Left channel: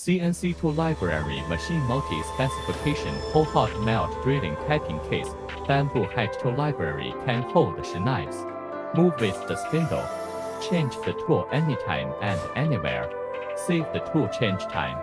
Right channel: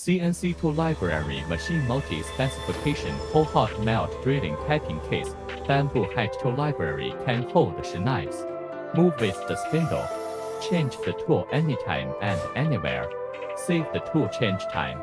CNC tool library machine multi-specification whole hot melt drilling tapping case. Bamboo height tool library can hold 10 knives. Move with the spindle. Change the tool anytime and anywhere. Save the tool change time.